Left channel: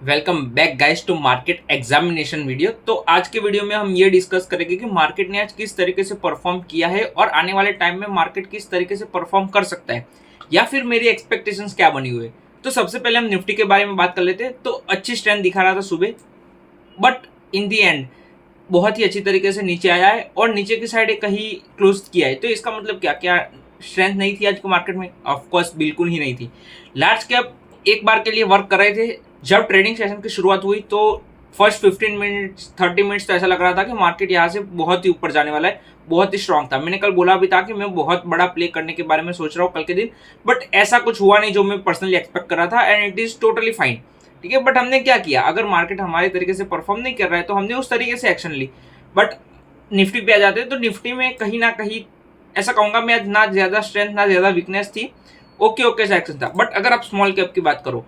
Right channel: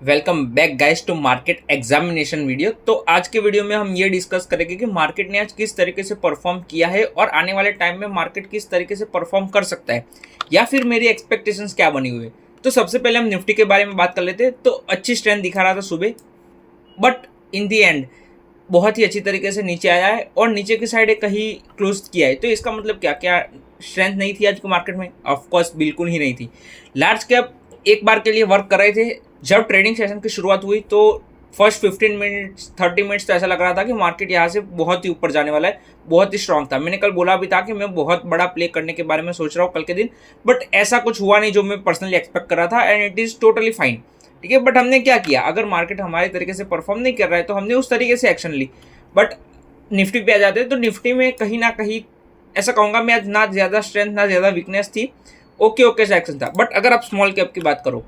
Welcome back guys to market examination video. तो आज के वीडियो में हम ये डिस्कस करेंगे कि मार्केट ने आज किस तरीके से परफॉर्म किया है और आने वाले टाइम में मार्केट किस तरीके से परफॉर्म कर सकता है या फिर मेरी एक्सपेक्टेशंस क्या बनी हुई है। तो सबसे पहले हम निफ्टी के बारे में बात कर लेते हैं। तो अच्छी स्ट्रेंथ दिखा रहा था सुबह, बट इन दी एंड बहुत ही अच्छी तरीके से नीचे आया है और नीचे की साइड एक कहीं क्लोज किया है। तो इसका मतलब क्या क्या स्ट्रेंथ नहीं थी आज के मार्केट में? ऑफकोर्स बिल्कुल ही नहीं थी। लार्ज कैप एक बार के लिए वर्क कर रहे थे। जब ट्रेडिंग सेशन की शुरुआत हुई तो फर्स्ट 15 मिनट्स 30 मिनट्स तो ऐसा लग रहा था कि मार्केट यहाँ से बहुत ही ऊपर जाने वाला है, बहुत ही स्ट्रांग था। मैंने कल बोला भी था कि मैं बहुत बड़ा प्ले करने के बारे में सोच रहा हूँ कल के दिन, बट ऐसा कुछ हुआ नहीं जो मैं पर्सनली एक्सपेक्ट कर रहा था and it is totally fine. ठीक है, बट हमने क्या किया, अगर मार्केट हमारे तरीके से परफॉर्म नहीं कर रहा है तो हमने उस तरीके से एक्शन ली। बट निफ्टी पे आ जाते हैं तो निफ्टी में कहीं ना कहीं ऐसा कहूँगा मैं, आज ना ज़्यादा स्ट्रेंथ ना ज़्यादा वीकनेस थी। ओके ओके सा एक्शन था। बट अगर आप स्मॉल कैप की बात करो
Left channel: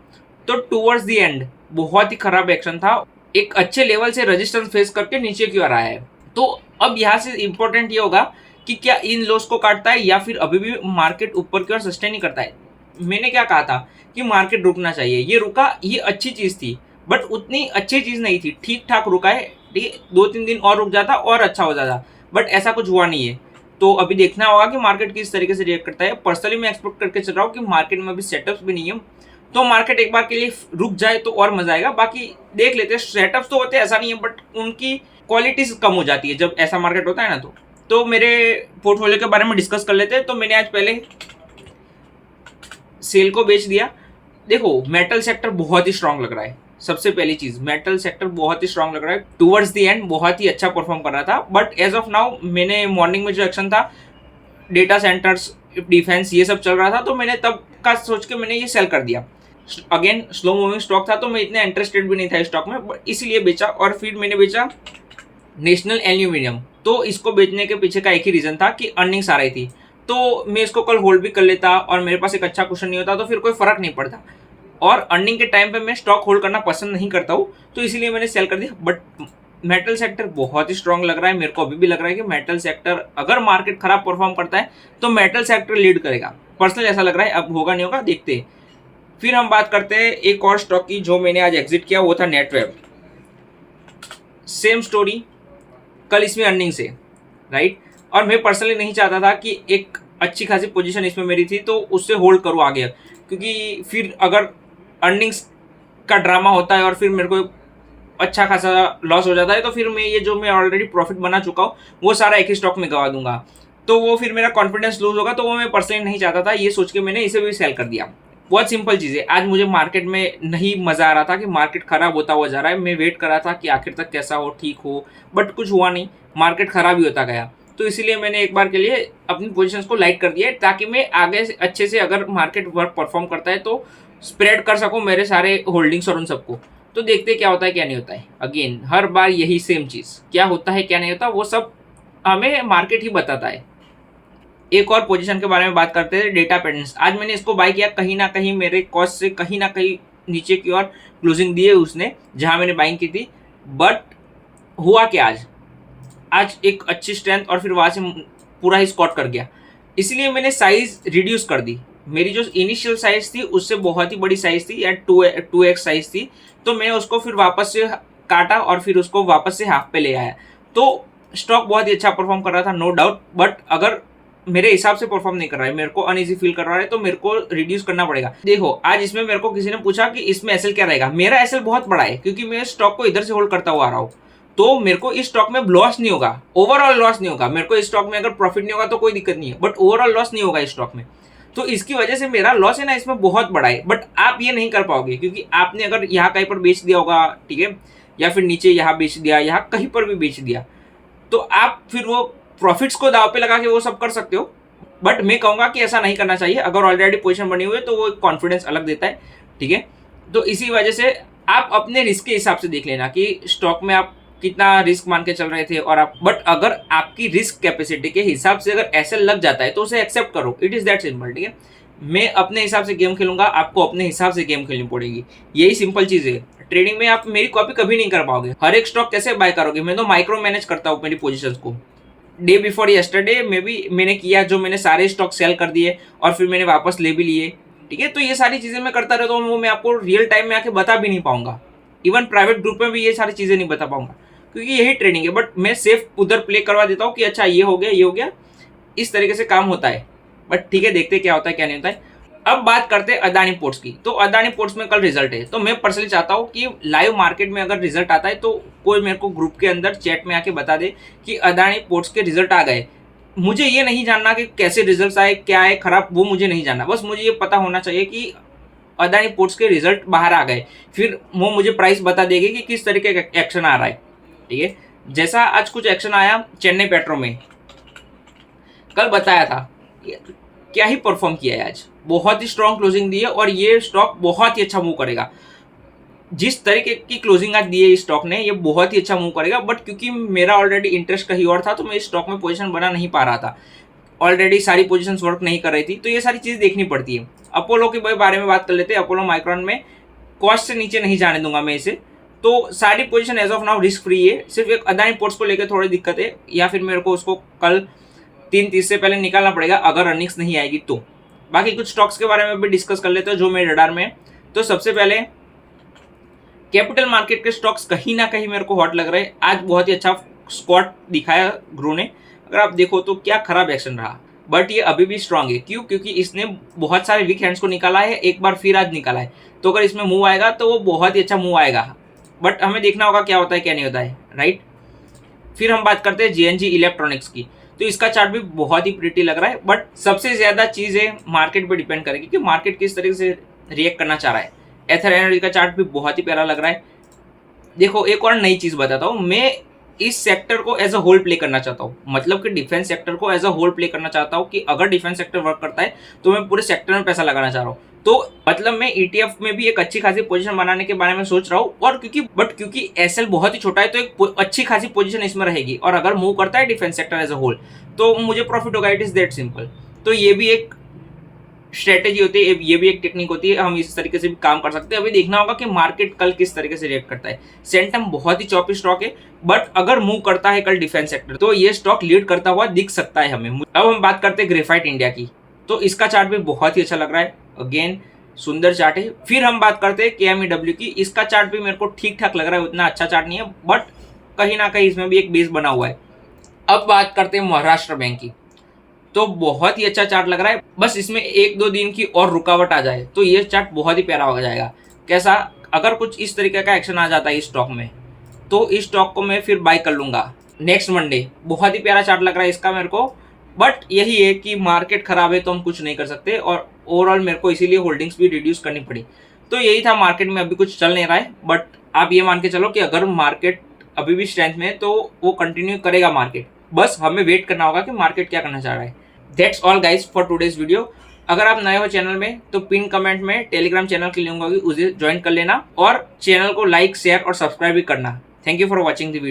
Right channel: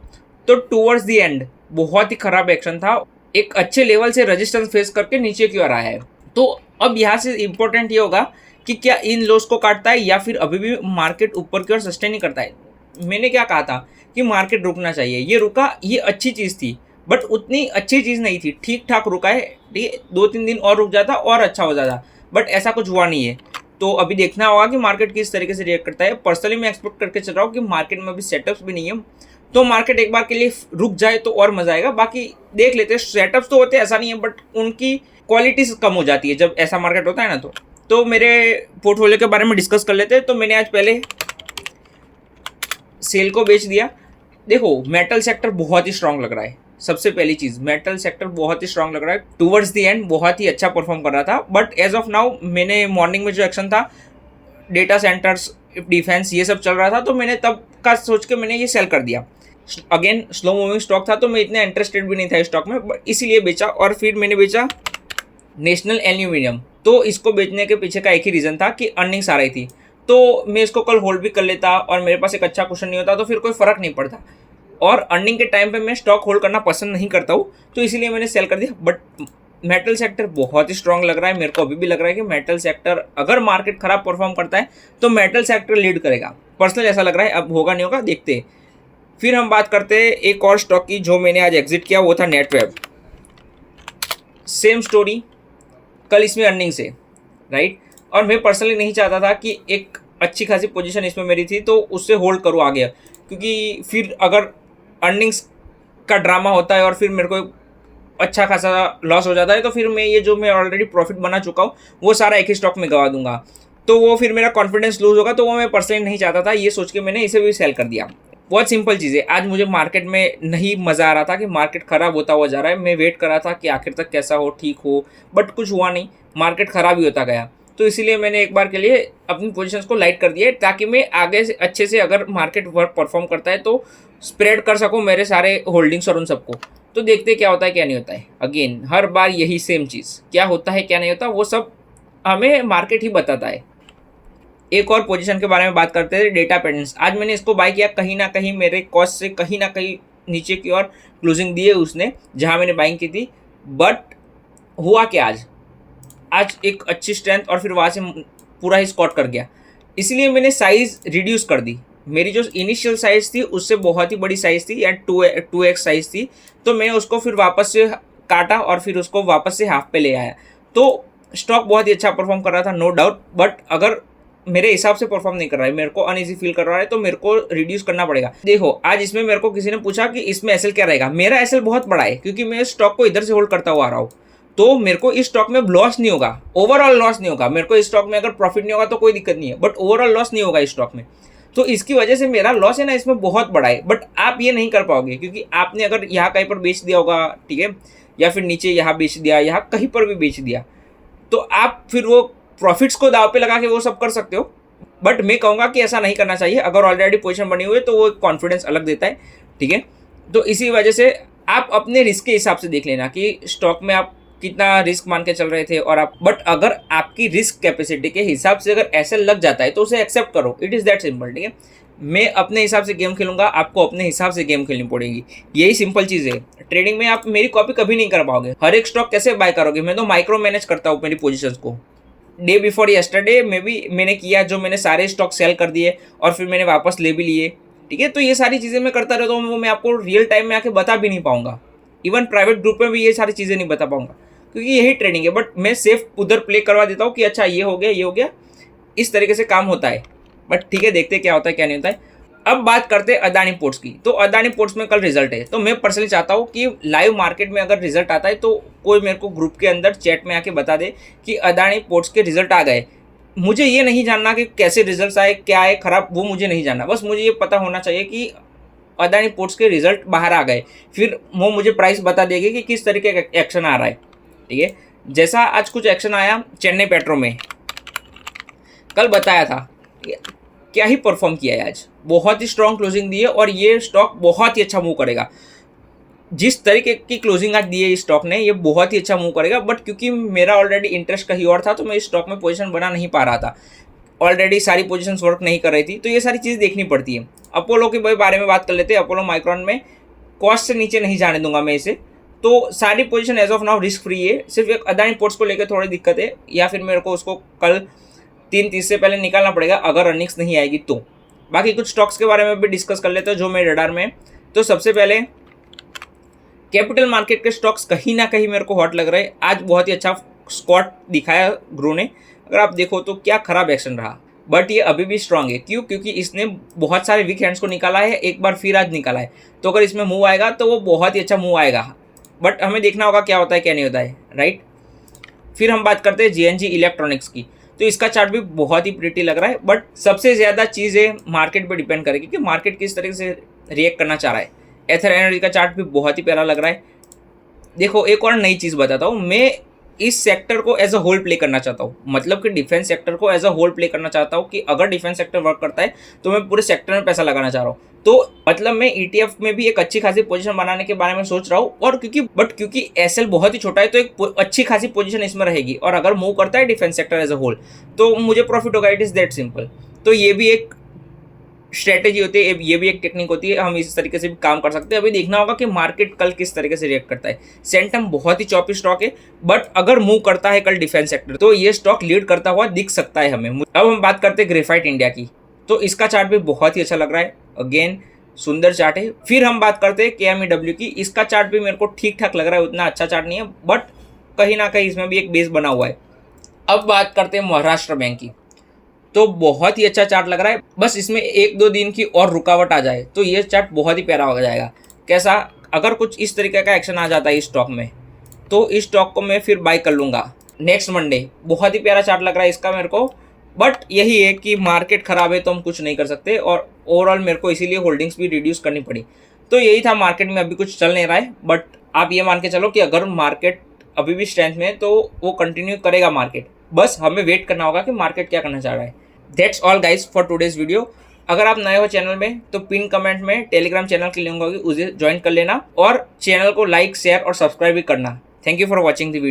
तो टूवर्ड्स दी एंड बहुत ही खराब एक्शन था। एक अच्छे लेवल से रेजिस्टेंस फेस करके नीचे की ओर आया है। तो अब यहाँ से इंपॉर्टेंट ये होगा कि क्या इन लॉस को काटता है या फिर अभी भी मार्केट ऊपर की ओर सस्टेन ही करता है। मैंने क्या कहा था कि मार्केट रुकना चाहिए, ये रुका, ये अच्छी चीज़ थी, बट उतनी अच्छी चीज़ नहीं थी। ठीक ठाक रुका है, ठीक है, 2-3 दिन और रुक जाता और अच्छा हो जाता, बट ऐसा कुछ हुआ नहीं है। तो अभी देखना होगा कि मार्केट किस तरीके से रिएक्ट करता है। पर्सनली मैं एक्सपेक्ट करके चल रहा हूँ कि मार्केट में अभी सेटअप्स भी नहीं है, तो मार्केट एक बार के लिए रुक जाए तो और मजा आएगा। बाकी देख लेते हैं, सेटअप्स तो होते हैं ऐसा नहीं है, बट उनकी क्वालिटीज कम हो जाती है जब ऐसा मार्केट होता है ना। तो मेरे पोर्टफोलियो के बारे में डिस्कस कर लेते हैं। तो मैंने आज पहले सेल को बेच दिया। देखो, मेटल सेक्टर बहुत ही स्ट्रांग लग रहा है। सबसे पहली चीज, मेटल सेक्टर बहुत ही स्ट्रांग लग रहा है, टुवर्ड्स दी एंड बहुत ही अच्छा परफॉर्म कर रहा था। बट एज ऑफ नाउ मैंने मॉर्निंग में जो एक्शन था, डेटा सेंटर्स, डिफेंस, ये सब चल रहा था, तो मैंने तब का सोच के मैंने ये सेल कर दिया। अगेन स्लो मूविंग स्टॉक था तो मैं इतना इंटरेस्टेड भी नहीं था स्टॉक में, बट इसीलिए बेचा। और फिर मैंने बेचा नेशनल एल्यूमिनियम। तो इसको बेचने के पीछे का एक ही रीज़न था कि अर्निंग्स आ रही थी, तो मैं इसको कल होल्ड भी कर लेता और मेरे पास एक अच्छा क्वेश्चन नहीं होता तो फिर कोई फ़र्क नहीं पड़ता। और अर्निंग के टाइम पे मैं स्टॉक होल्ड करना पसंद नहीं करता हूँ, तो इसीलिए मैंने सेल कर दिया। बट मेटल सेक्टर बहुत ही स्ट्रांग लग रहा है। मेरे को अभी भी लग रहा है कि मेटल सेक्टर, अगर मार्केट खराब परफॉर्म करता है तो मेटल सेक्टर लीड करेगा। पर्सनली ऐसा लग रहा है, अब होगा नहीं होगा देखते हैं। फिर हम बात करते हैं एक और स्टॉक की जो मैंने आज एग्जिट किया, वो था नेटवेब। सेम स्टोरी, कल इसमें अर्निंग से, राइट। और मैं पर्सनली नहीं चाहता था कि एक अच्छी खासी पोजीशन इसमें मेरी थी तो उससे होल्ड करूँ आगे, क्योंकि फिर अगर अर्निंग्स का ड्रामा होता है और फिर मेरे को अच्छा खासा लॉस हो जाता है तो फिर मैं ये जो मैं ऑलरेडी प्रॉफिट बना चुका हूँ वो सारा एक ही स्टॉक में गवा दूंगा, तो वो फिर मेरा कॉन्फिडेंस लूज होगा। तो वो मैं पर्सनली नहीं चाहता था, ये सोच के मैंने इसे भी सेल कर दिया। बहुत सिंपल चीज़ है। आज मुझे मार्केट में नहीं मज़ा आ रहा था कि मार्केट ख़राब होता हुआ जा रहा है। मैं वेट कर रहा था कि आखिर तक कैसा हो, ठीक हो, बट कुछ हुआ नहीं, मार्केट ख़राब ही होता गया। तो इसीलिए मैंने एक बार के लिए अपनी पोजीशंस को लाइट कर दिया ताकि मैं आगे से अच्छे से, अगर मार्केट वर्क परफॉर्म करता है तो स्प्रेड कर सकूँ मेरे सारे होल्डिंग्स और उन सबको। तो देखते क्या होता है क्या नहीं होता है। अगेन हर बार यही सेम चीज़, क्या होता है क्या नहीं होता वो सब हमें मार्केट ही बताता है। एक और पोजीशन के बारे में बात करते हैं, डेटा पेटेंट्स। आज मैंने इसको बाय किया, कहीं ना कहीं मेरे कॉस्ट से कहीं ना कहीं नीचे की ओर क्लोजिंग दी है उसने जहां मैंने बाइंग की थी। बट हुआ क्या, आज आज एक अच्छी स्ट्रेंथ और फिर वहाँ से पूरा ही स्कॉट कर गया। इसलिए मैंने साइज़ रिड्यूस कर दी। मेरी जो इनिशियल साइज़ थी उससे बहुत ही बड़ी साइज़ थी या 2x साइज़ थी, तो मैंने उसको फिर वापस से काटा और फिर उसको वापस से हाफ पे ले आया। तो स्टॉक बहुत ही अच्छा परफॉर्म कर रहा था, नो डाउट। बट अगर मेरे हिसाब से परफॉर्म नहीं कर रहा है, मेरे को अनईजी फील कर रहा है, तो मेरे को रिड्यूस करना पड़ेगा। देखो, आज इसमें मेरे को किसी ने पूछा कि इसमें एसएल क्या रहेगा। मेरा एसएल बहुत बड़ा है क्योंकि मैं स्टॉक को इधर से होल्ड करता हुआ आ रहा हूँ, तो मेरे को इस स्टॉक में लॉस नहीं होगा, ओवरऑल लॉस नहीं होगा। मेरे को इस स्टॉक में अगर प्रॉफिट नहीं होगा तो कोई दिक्कत नहीं है, बट ओवरऑल लॉस नहीं होगा इस स्टॉक में। तो इसकी वजह से मेरा लॉस है ना इसमें बहुत बड़ा है। बट आप ये नहीं कर पाओगे क्योंकि आपने अगर यहाँ कहीं पर बेच दिया होगा, ठीक है, या फिर नीचे यहाँ बेच दिया, यहाँ कहीं पर भी बेच दिया, तो आप फिर वो प्रॉफिट्स को दाव पे लगा के वो सब कर सकते हो। बट मैं कहूँगा कि ऐसा नहीं करना चाहिए। अगर ऑलरेडी पोजीशन बनी हुई है तो वो कॉन्फिडेंस अलग देता है, ठीक है। तो इसी वजह से आप अपने रिस्क के हिसाब से देख लेना कि स्टॉक में आप कितना रिस्क मान के चल रहे थे और आप, बट अगर आपकी रिस्क कैपेसिटी के हिसाब से अगर ऐसे लग जाता है तो उसे एक्सेप्ट करो। इट इज़ दैट सिंपल, ठीक है। मैं अपने हिसाब से गेम खेलूंगा, आपको अपने हिसाब से गेम खेलनी पड़ेगी, यही सिंपल चीज़ है। ट्रेडिंग में आप मेरी कॉपी कभी नहीं कर पाओगे। हर एक स्टॉक कैसे बाय करोगे? मैं तो माइक्रो मैनेज करता हूँ मेरी पोजीशंस को। डे बिफोर यस्टरडे में भी मैंने किया, जो मैंने सारे स्टॉक सेल कर दिए और फिर मैंने वापस ले भी लिए, ठीक है। तो ये सारी चीज़ें मैं करता रहता हूँ, वो मैं आपको रियल टाइम में आके बता भी नहीं पाऊंगा। इवन प्राइवेट ग्रुप में भी ये सारी चीज़ें नहीं बता पाऊंगा, क्योंकि यही ट्रेडिंग है। बट मैं सेफ उधर प्ले करवा देता हूँ कि अच्छा ये हो गया, ये हो गया, इस तरीके से काम होता है। बट ठीक है, देखते क्या होता है क्या नहीं होता है। अब बात करते हैं अदानी पोर्ट्स की। तो अदानी पोर्ट्स में कल रिजल्ट है, तो मैं पर्सनली चाहता हूँ कि लाइव मार्केट में अगर रिजल्ट आता है तो कोई मेरे को ग्रुप के अंदर चैट में आके बता दे कि अदानी पोर्ट्स के रिजल्ट आ गए। मुझे ये नहीं जानना कि कैसे रिजल्ट आए, क्या है खराब, वो मुझे नहीं जानना। बस मुझे ये पता होना चाहिए कि अदानी पोर्ट्स के रिजल्ट बाहर आ गए, फिर वो मुझे प्राइस बता देगी कि किस तरीके का एक्शन आ रहा है। ठीक है, जैसा आज कुछ एक्शन आया चेन्नई पेट्रो में, कल बताया था, क्या ही परफॉर्म किया है आज, बहुत ही स्ट्रॉन्ग क्लोजिंग दी है और ये स्टॉक बहुत ही अच्छा मूव करेगा। जिस तरीके की क्लोजिंग आज दी है इस स्टॉक ने, ये बहुत ही अच्छा मूव करेगा। बट क्योंकि मेरा ऑलरेडी इंटरेस्ट कहीं और था, तो मैं इस स्टॉक में पोजीशन बना नहीं पा रहा था, ऑलरेडी सारी पोजीशंस वर्क नहीं कर रही थी, तो ये सारी चीज़ देखनी पड़ती है। अपोलो के बारे में बात कर लेते हैं। अपोलो माइक्रॉन में कॉस्ट से नीचे नहीं जाने दूंगा मैं इसे, तो सारी position as of now risk free है। सिर्फ एक अदानी पोर्ट्स को लेकर थोड़ी दिक्कत है, या फिर मेरे को उसको कल 3:30 से पहले निकालना पड़ेगा अगर अर्निंग्स नहीं आएगी तो। बाकी कुछ स्टॉक्स के बारे में भी डिस्कस कर लेते हैं जो मेरे रडार में है। तो सबसे पहले कैपिटल मार्केट के स्टॉक्स कहीं ना कहीं मेरे को हॉट लग रहे हैं। आज बहुत ही अच्छा स्क्वाट दिखाया ग्रो ने, अगर आप देखो तो क्या खराब एक्शन रहा, बट ये अभी भी स्ट्रांग है। क्यों? क्योंकि इसने बहुत सारे वीक हैंड्स को निकाला है, एक बार फिर आज निकाला है, तो अगर इसमें मूव आएगा तो वो बहुत ही अच्छा मूव आएगा। बट हमें देखना होगा क्या होता है क्या नहीं होता है, राइट। फिर हम बात करते हैं JNG इलेक्ट्रॉनिक्स की। तो इसका चार्ट भी बहुत ही प्रिटी लग रहा है, बट सबसे ज़्यादा चीज़ें मार्केट पे डिपेंड करेगी कि मार्केट किस तरीके से रिएक्ट करना चाह रहा है। एथर एनर्जी का चार्ट भी बहुत ही प्यारा लग रहा है। देखो, एक और नई चीज़ बताता हूँ, मैं इस सेक्टर को एज अ होल प्ले करना चाहता हूँ, मतलब कि डिफेंस सेक्टर को एज अ होल प्ले करना चाहता हूँ कि अगर डिफेंस सेक्टर वर्क करता है तो मैं पूरे सेक्टर में पैसा लगाना चाह रहा हूँ। तो मतलब मैं ETF में भी एक अच्छी खासी पोजीशन बनाने के बारे में सोच रहा हूँ, और क्योंकि SL बहुत ही छोटा है तो एक अच्छी खासी पोजीशन इसमें रहेगी, और अगर मूव करता है defence sector as a whole तो मुझे प्रॉफिट होगा। It is that simple. तो ये भी एक स्ट्रेटेजी होती है, ये भी एक टेक्निक होती है, हम इस तरीके से भी काम कर सकते हैं। अभी देखना होगा कि मार्केट कल किस तरीके से रिएक्ट करता है। सेंटम बहुत ही चॉपी स्टॉक है, बट अगर मूव करता है कल डिफेंस सेक्टर तो ये स्टॉक लीड करता हुआ दिख सकता है हमें। अब हम बात करते हैं ग्रेफाइट इंडिया की। तो इसका चार्ट भी बहुत ही अच्छा लग रहा है, अगेन सुंदर चार्ट है। फिर हम बात करते हैं KMEW की। इसका चार्ट भी मेरे को ठीक ठाक लग रहा है, उतना अच्छा चार्ट नहीं है, बट कहीं ना कहीं इसमें भी एक बेस बना हुआ है। अब बात करते हैं महाराष्ट्र बैंक की। तो बहुत ही अच्छा चार्ट लग रहा है, बस इसमें 1-2 दिन की और रुकावट आ जाए तो ये चार्ट बहुत ही प्यारा हो जाएगा। कैसा? अगर कुछ इस तरीके का एक्शन आ जाता है इस स्टॉक में तो इस स्टॉक को मैं फिर बाय कर लूँगा नेक्स्ट मंडे। बहुत ही प्यारा चार्ट लग रहा है इसका मेरे को, बट यही है कि मार्केट ख़राब है तो हम कुछ नहीं कर सकते, और ओवरऑल मेरे को इसीलिए होल्डिंग्स भी रिड्यूस करनी पड़ी। तो यही था, मार्केट में अभी कुछ चल नहीं रहा है, बट आप ये मान के चलो कि अगर मार्केट अभी भी स्ट्रेंथ में है तो वो कंटिन्यू करेगा मार्केट। बस हमें वेट करना होगा कि मार्केट क्या करना चाह रहा है। That's all guys for today's video. अगर आप नए हो चैनल में तो पिन कमेंट में टेलीग्राम चैनल की लिंक होगी, उसे ज्वाइन कर लेना, और चैनल को लाइक शेयर और सब्सक्राइब भी करना। Thank you for watching the video.